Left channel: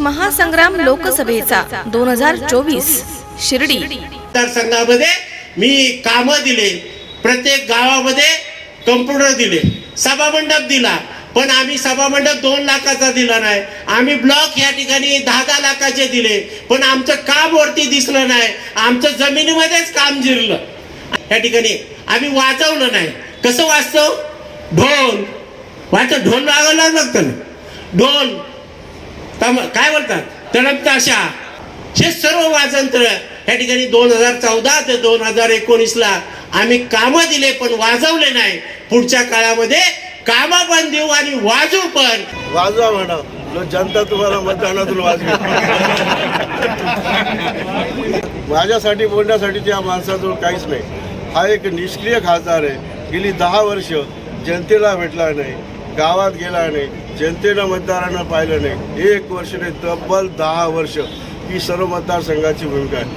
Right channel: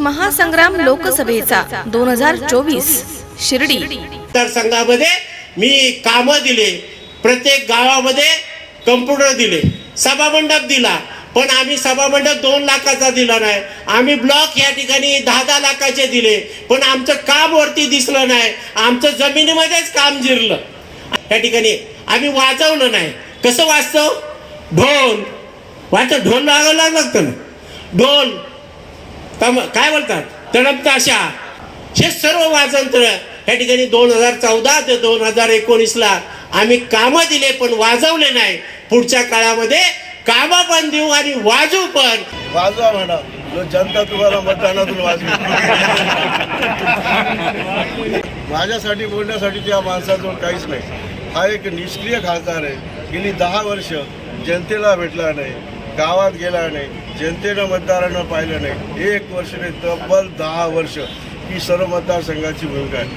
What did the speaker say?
महासंग्राम लोकसभेचा दोन हजार चोवीस शिर्डी. मतदारसंघामध्ये मी कामं दिले प्रत्येक गावामध्ये कम्प्युटर दिले सभामंडप दिला पण आम्ही सभामंडप दोन लाखाचा दिला नाही. आम्ही ब्लॉक या ठिकाणी दहा दहा लाखाचे दिले पण आमचं काम वरती दिसलं नाही. आमचं जमिनीमध्येच काम जिरलं. या ठिकाणी आम्ही वाजवलं नाही. कसं वाजतो ढोल. वाचत? ढोल लागायला लागतं ना. ढोल. काय बोलतात? तडप ताशा हे सर्व वाजंत्र या ठिकाणी दोन हजार चौदा ते दोन हजार एकोणीसला आम्ही कामं दिले पण वाजवले नाही. पुढच्या काळामध्ये कामं पण देऊ आणि वाजू पण. वाजवा म्हणा जनता तुम्हाला मतदानातून वाजवी. माझ्यासाठी बोलण्यासाठी त्या माणसाजवळ काहीच नाही. हा एक निष्क्रिय खासदार आहे. गेली दहा वर्ष जनतेला भेटला नाही. गावात गेला नाही जनतेनं मतदारांना पाहिलं नाही. एक वर्ष नाही तब्बल दहा वर्ष ही सर्व मतदारसंघाची भूमिका आहे.